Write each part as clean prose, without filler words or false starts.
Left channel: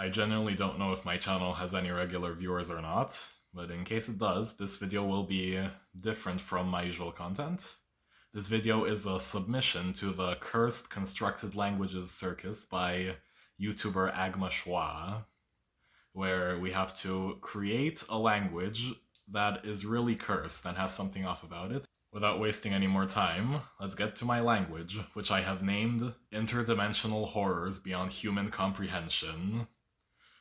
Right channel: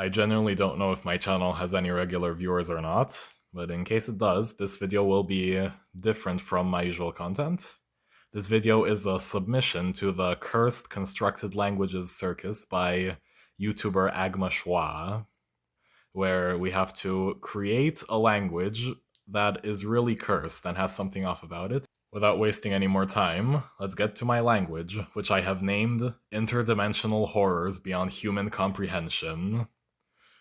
I genuinely don't know if my channel has any regular viewers or not, but in case it does, this video will be different from my usual content. This video is a submission to the Cursed Constructed Languages Circus by YouTuber Agma Schwa, where we have to create a language that is really cursed and has something off about it. Without wasting any more time, let's get to my language, which I have named Interdimensional Horrors Beyond Human Comprehension,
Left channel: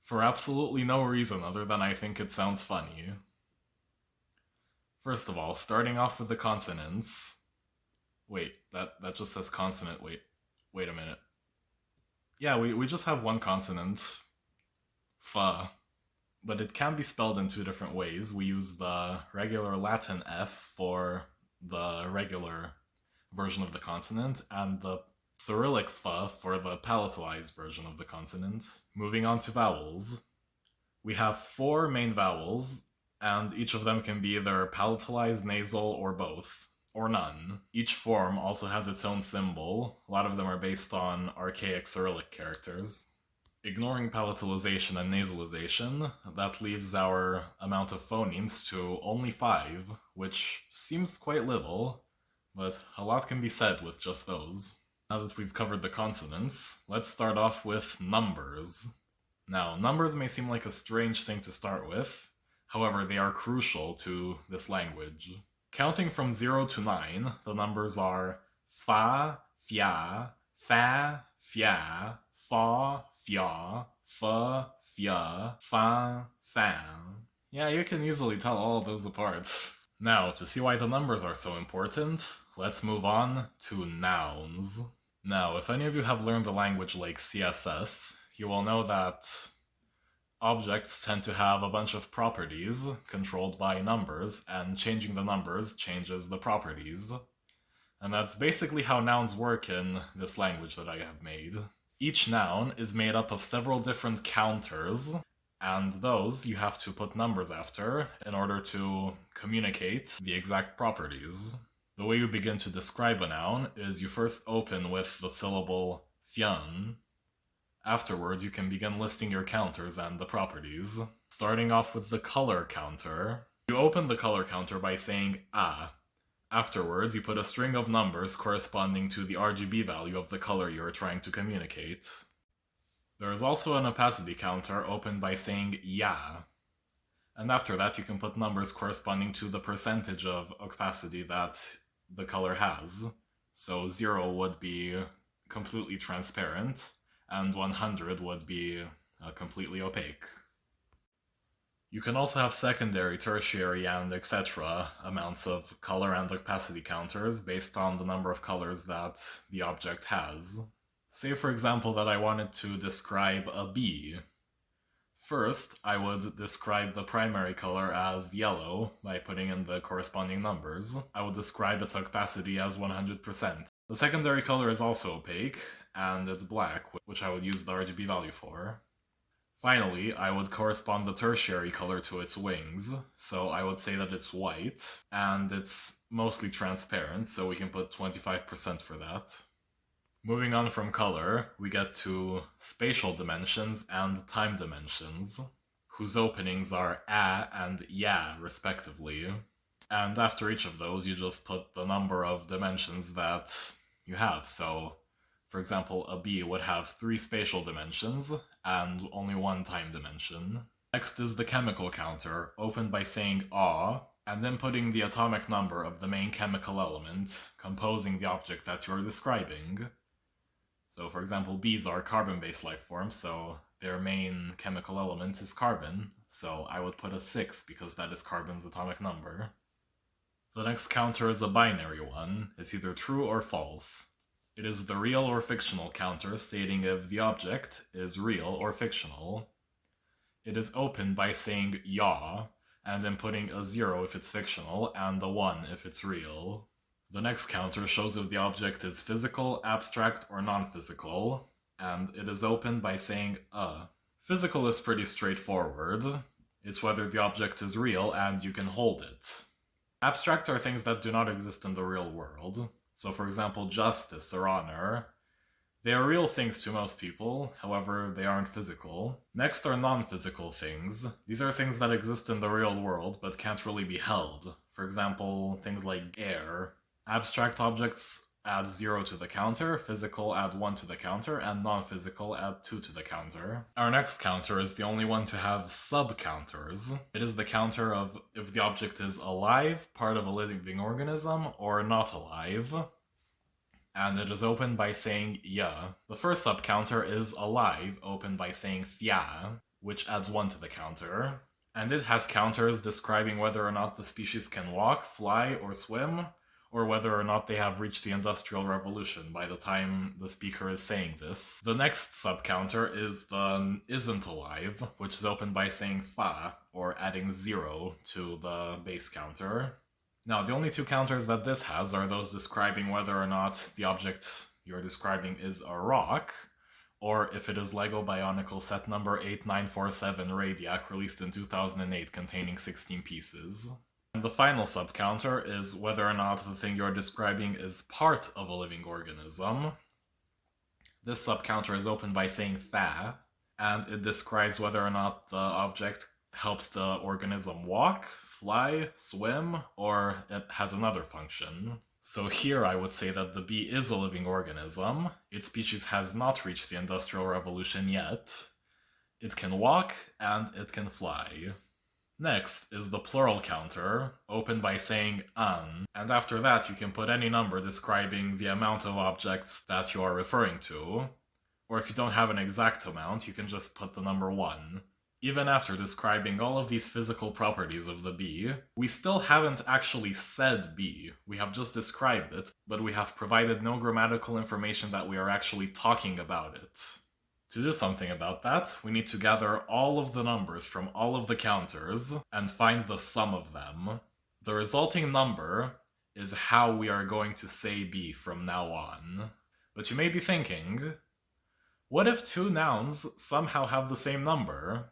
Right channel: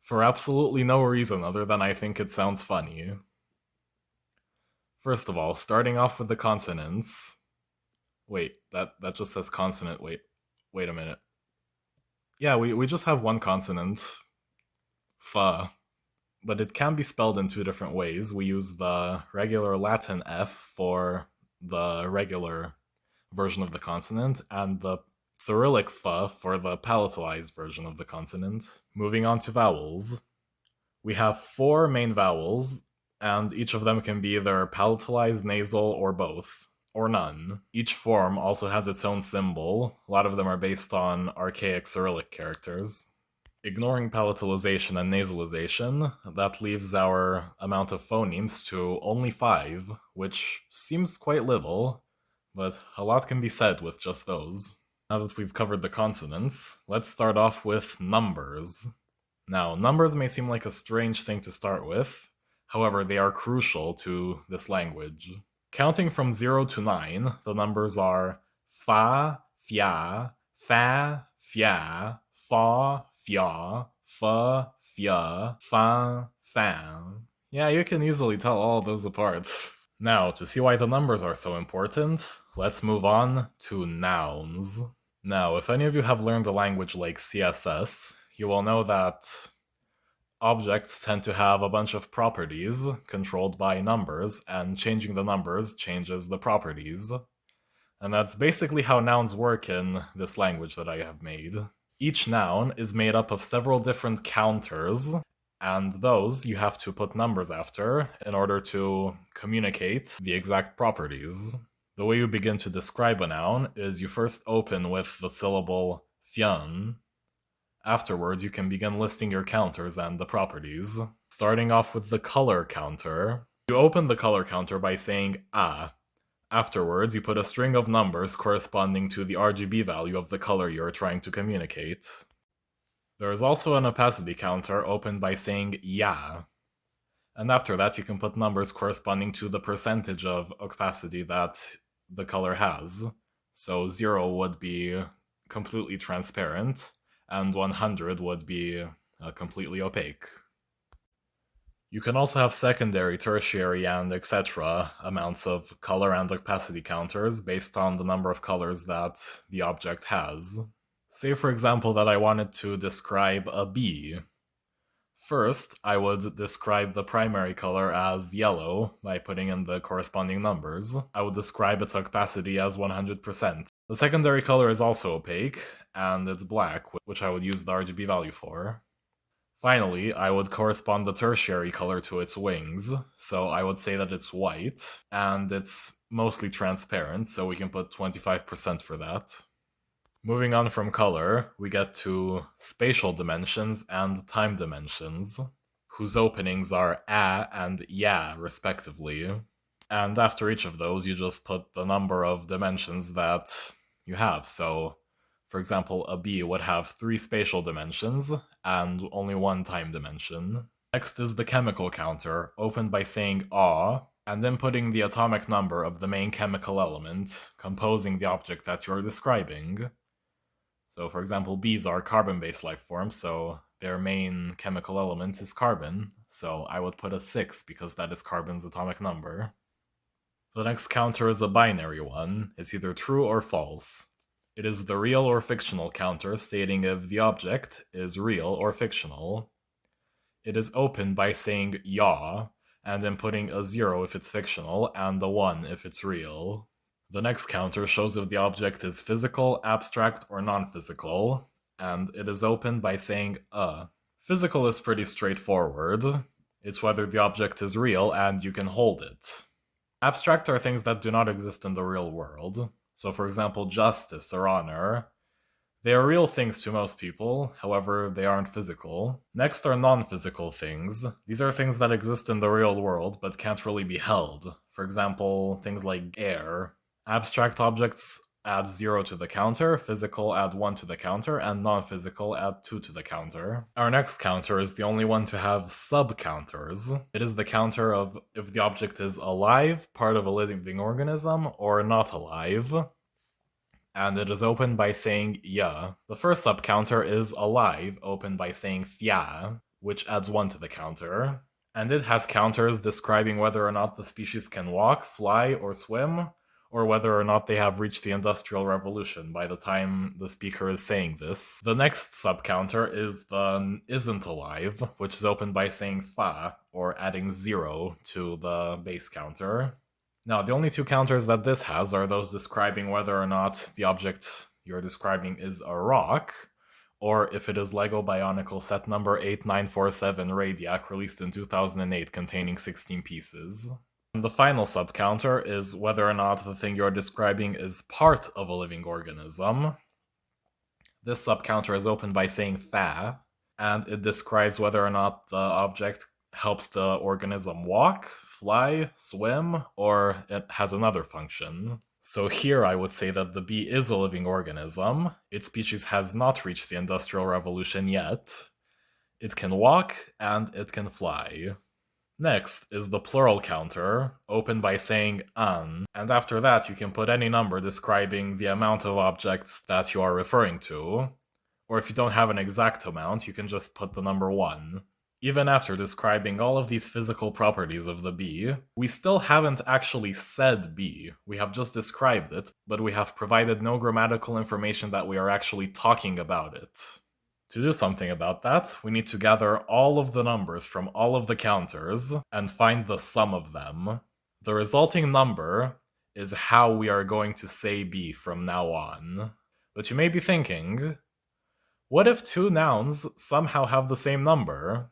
for absolutely no reason other than I think it sounds funny. First of all, starting off with the consonants. Wait, that just says consonant. Wait a minute. Yeah, we just have one consonant, fa, but it can be spelled in two different ways. We use the regular Latin F for the regular version of the consonant, and the Cyrillic fa for the palatalized version of the consonant. Moving on to vowels. We have four main vowels, and each of them can be either palatalized, nasal, or both, or none. Each form also has its own symbol. A lot of them are based on archaic Cyrillic characters. Ignoring palatalization and nasalization, that leaves our amount of phonemes to only 5, which seems quite little, but a lot can be said with just those. Now that we've covered the consonants, let's start off with numbers. Now, numbers may seem like a strange thing to start with, however, they are crucial to this language. Counting from 0 to 9, the numbers are fa, fia, fa, fia, fa, fia, fa, fia, fa, fan. Yeah, you can easily tell all of those apart. Now, to see why the numbers are so important, let's move on to nouns. Now, if any of you have learned a language like CSS, you will know that objects tend to have a bunch of properties controlled by numbers, and changing the numbers changes the properties. And that's basically how nouns work in this language that I have made. Each noun is made up of several different counters, and those you have to put numbers after in order to communicate the exact properties. The way you begin to describe a noun is you first open with the syllable fyan. Afterwards, you can begin listing your counters and the properties. Starting off with the color counter, you open the color counter by saying a. Afterwards, you put a string of numbers corresponding to the RGB value of the color you're trying to communicate. There is also an opacity counter opened by saying ya. And after that, you can put numbers corresponding to the percentage of opacity that the color has. So 0 would be completely transparent, and 100 would be completely opaque. You can also have secondary, tertiary, and etc. amounts of color and opacity counters based on the number of colors that the object has. Say, for example, that I wanted to describe a bee. First, I would describe the primary color as yellow by putting in the corresponding numbers. I would describe its opacity as 100%. The secondary color is also opaque, and it's black, which I would use the RGB value for. Finally, I would correspond the tertiary color to its wings, so I would say that it's white, and it's mostly transparent, so we can put 25% for that. Moving on from color, we get to spatial dimensions and time dimensions, whose openings are a and ya, respectively. And after each of those, you just put the number of dimensions that you have. So, for example, a bee would have 3 spatial dimensions and only 1 time dimension. Next is the chemical counter, opened by saying "aw", and then putting the atomic number of the main chemical element composing the object that you're describing. So, for example, bees are carbon-based life forms, so their main chemical element is carbon, so I would put a 6 because that is carbon's atomic number. The next counter is a binary one. It's either true or false. It is the real or fictional counter, stating if the object is real or fictional. It is opened by saying "yaw", and then putting a 0 if it's fictional, and a 1 if it's real. The next counter shows if the object is physical, abstract, or non-physical, and it is opened by saying Physical is pretty straightforward. It's whether the object is real and you can hold it. Abstract are things that do not exist in the real world. So, for example, justice or honor. They are real things to most people, however, they aren't physical. Next are non-physical things. These are things that exist in the real world but can't really be held. For example, things like air. Abstract objects add 0 to the counter, physical add 1 to the counter, and non-physical add 2 to the counter. Our next counter is the only one to have sub-counters. It is the counter of if the object is alive, part of a living organism, or not alive. And it is opened by saying ya. The first sub-counter is alive, opened by saying fia, which adds 1 to the counter. And it has counters describing whether or not the species can walk, fly, or swim, or whether or not they have reached the Industrial Revolution by the time the speaker is saying this. The next sub-counter is the isn't alive, which is opened by saying fa, or adding 0 to the base counter. Now, the only two counters that this has are those describing whether or not the object you're describing is a rock, or if it is LEGO Bionicle set number 8947 Radiac, released in 2008, containing 16 pieces. And the final sub-counter is whether or not the thing you're describing is part of a living organism. This sub-counter is opened by saying fa, and it describes whether or not the object helps the organism walk, fly, swim, or it has another function. So here I would say that the bee is a living organism. Its species has not reached the Industrial Revolution yet. It can walk, and it can fly. Next is the plural counter, opened by saying an, and after that you can put any number describing the amount of objects that you are referring to, or if you don't have an exact amount, you can just put the number 1. Even after describing all of these physical properties of the bee, we still haven't actually said bee. We have just described it, but we have provided no grammatical information that we are actually talking about it. To do something about that, we need to gather all of the numbers from all of the counters and find the sum of them. The resulting number is how we are going to say bee from now on. But you may be thinking, what if two nouns somehow have the same number?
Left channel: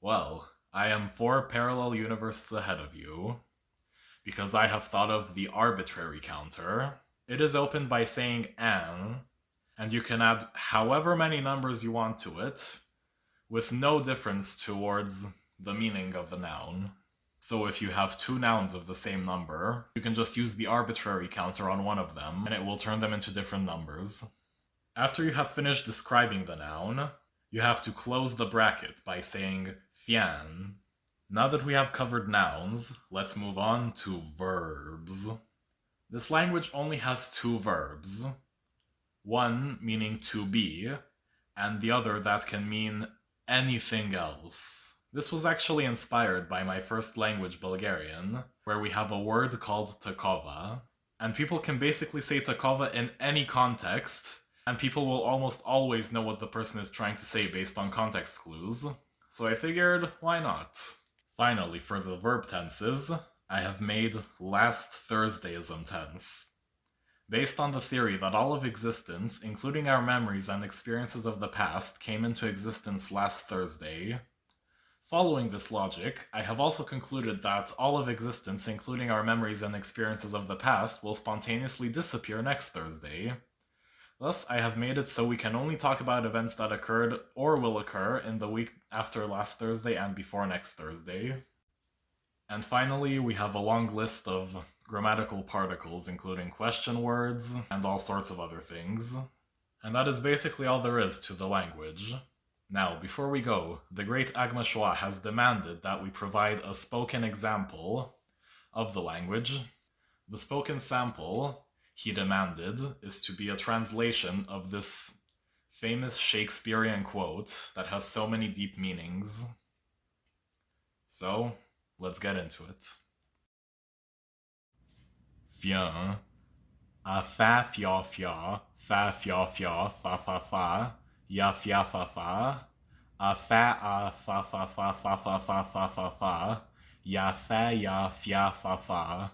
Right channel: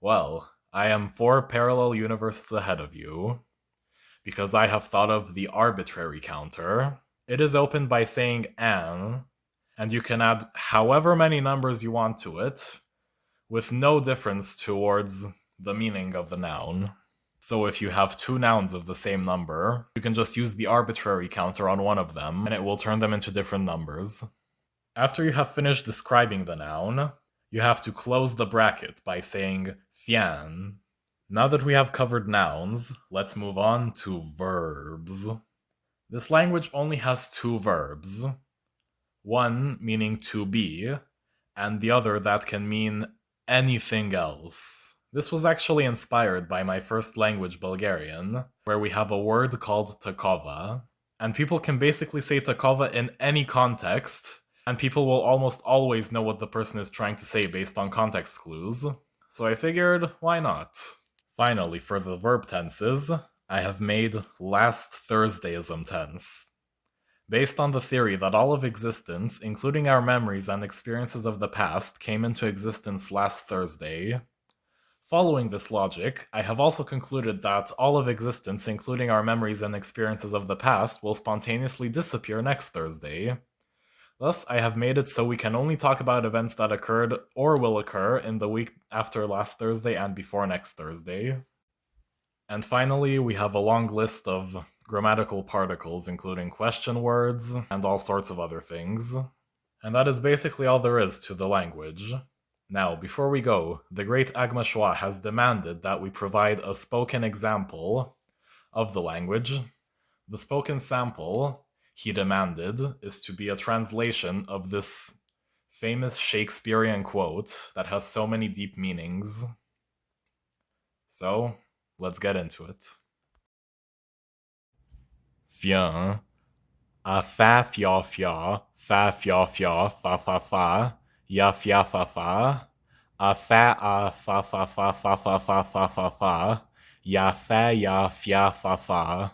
Well, I am 4 parallel universes ahead of you, because I have thought of the arbitrary counter. It is opened by saying an, and you can add however many numbers you want to it, with no difference towards the meaning of the noun. So if you have two nouns of the same number, you can just use the arbitrary counter on one of them, and it will turn them into different numbers. After you have finished describing the noun, you have to close the bracket by saying fian. Now that we have covered nouns, let's move on to verbs. This language only has 2 verbs. One meaning to be, and the other that can mean anything else. This was actually inspired by my first language, Bulgarian, where we have a word called takova, and people can basically say takova in any context, and people will almost always know what the person is trying to say based on context clues, so I figured, why not? Finally, for the verb tenses, I have made last Thursdayism tense. Based on the theory that all of existence, including our memories and experiences of the past, came into existence last Thursday. Following this logic, I have also concluded that all of existence, including our memories and experiences of the past, will spontaneously disappear next Thursday. Thus, I have made it so we can only talk about events that occurred or will occur in the week after last Thursday and before next Thursday. And finally, we have a long list of grammatical particles, including question words and all sorts of other things. And that is basically all there is to the language. Now, before we go, the great Agma Shwa has demanded that we provide a spoken example of the language. The spoken sample, he demanded, is to be a translation of this famous Shakespearean quote that has so many deep meanings. So, let's get into it. Viens, a fa fia fia, fa fia fia, fa fa fa, ya fia fa fa, a fa fa fa fa fa fa fa fa fa, ya fia fa fa,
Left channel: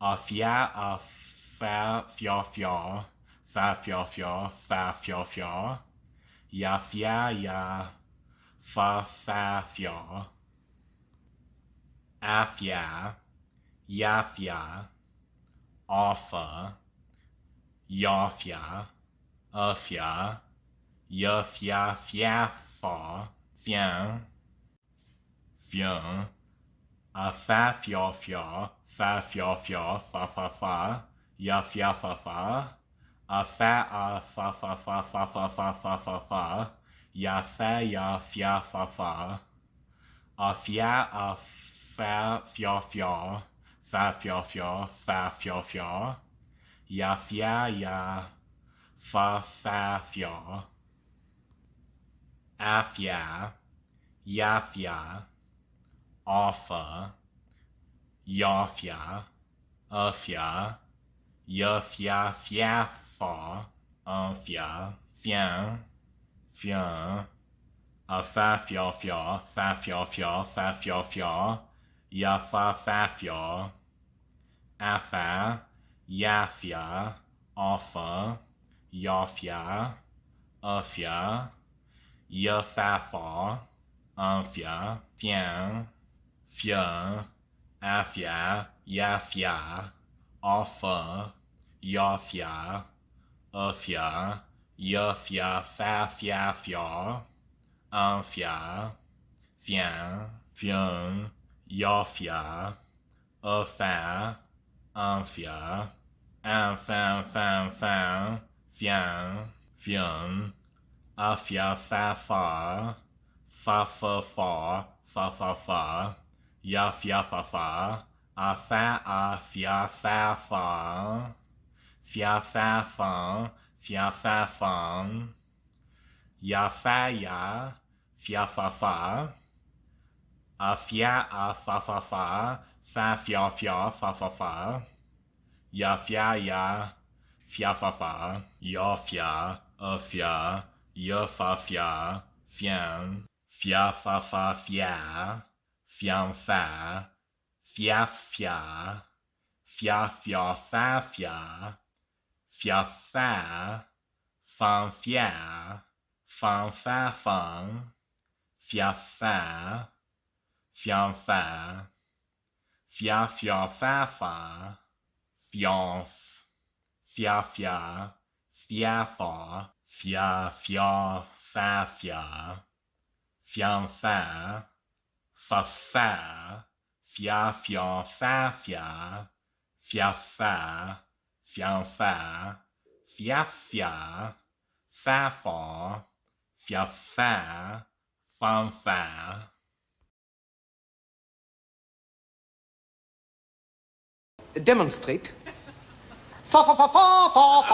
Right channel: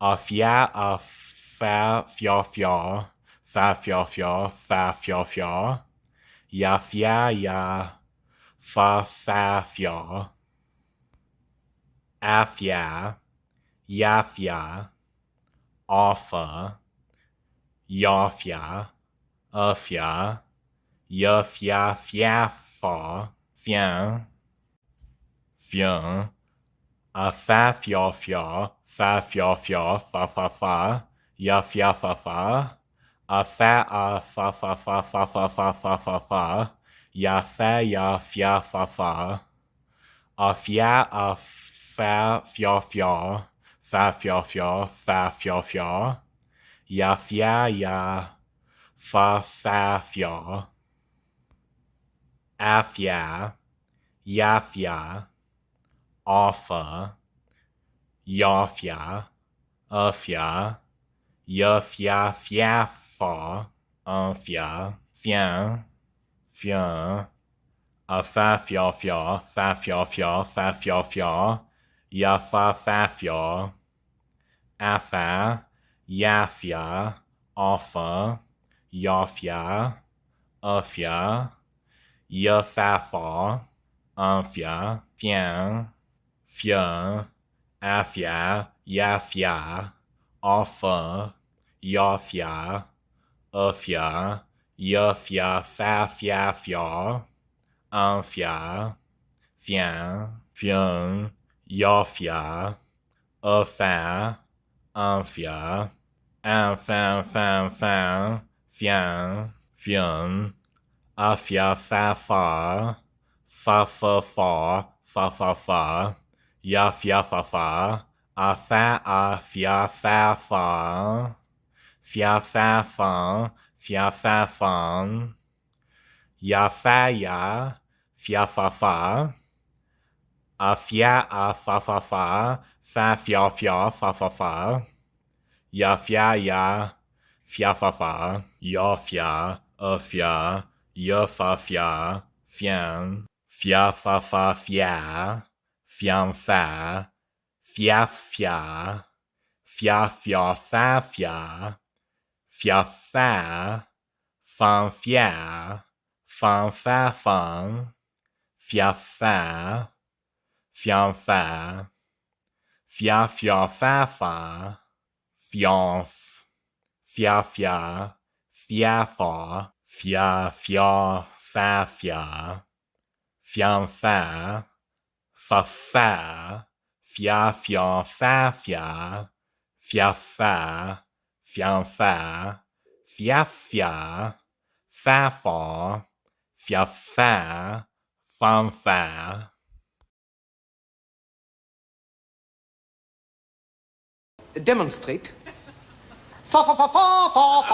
a fa fia fia, fa fia fia, fa fia fia, ya fa fia, afia, yafia, offa, yafia, fia, ya fia fia fa, fian, fian, fa fia fia, fa fia fia, fa fa fa, ya fia fa fa, fa fa fa fa fa fa fa fa fa fa, ya fia fa fa, fia fa fia fia, fa fia fia, fa fia fia, ya fa fia, afia, yafia, offa, yafia, afia, yafia fiafa, anfia, fian, fian, fa fia fia, fa fia fia, fa fia fia, yafa fafia, afa, yafia, offa, yafia, afia, yafafa, anfia, fian, fian, afia, yafia, offa, yafia, afia, yafia, fafia, fia, anfia, fian, fian, yafia, afin, anfia, infin, fin, fin, fian, fian, afia, fa, fa, fa, fa, fa, fa, fa, fa, ya, fia, fa, fa, a, fia, fa, fa, fia, fa, fan, fia, fa, fan, ya, fia, fa, fa, a, fa, fa, fia, fa, fa, ya, fia, fa, ya, fia, fa, fian, fia, fa, fia, fian, fa, fia, fa, fia, fan, fan, fa, fan, fia, fian, fia, fa, fa, fianf, fia, fa, fia, fa, fian, fa, fia, fa, fia, fian, fia, fa, fia, fan, Demonstrate. Fa fa fa fa fa fa.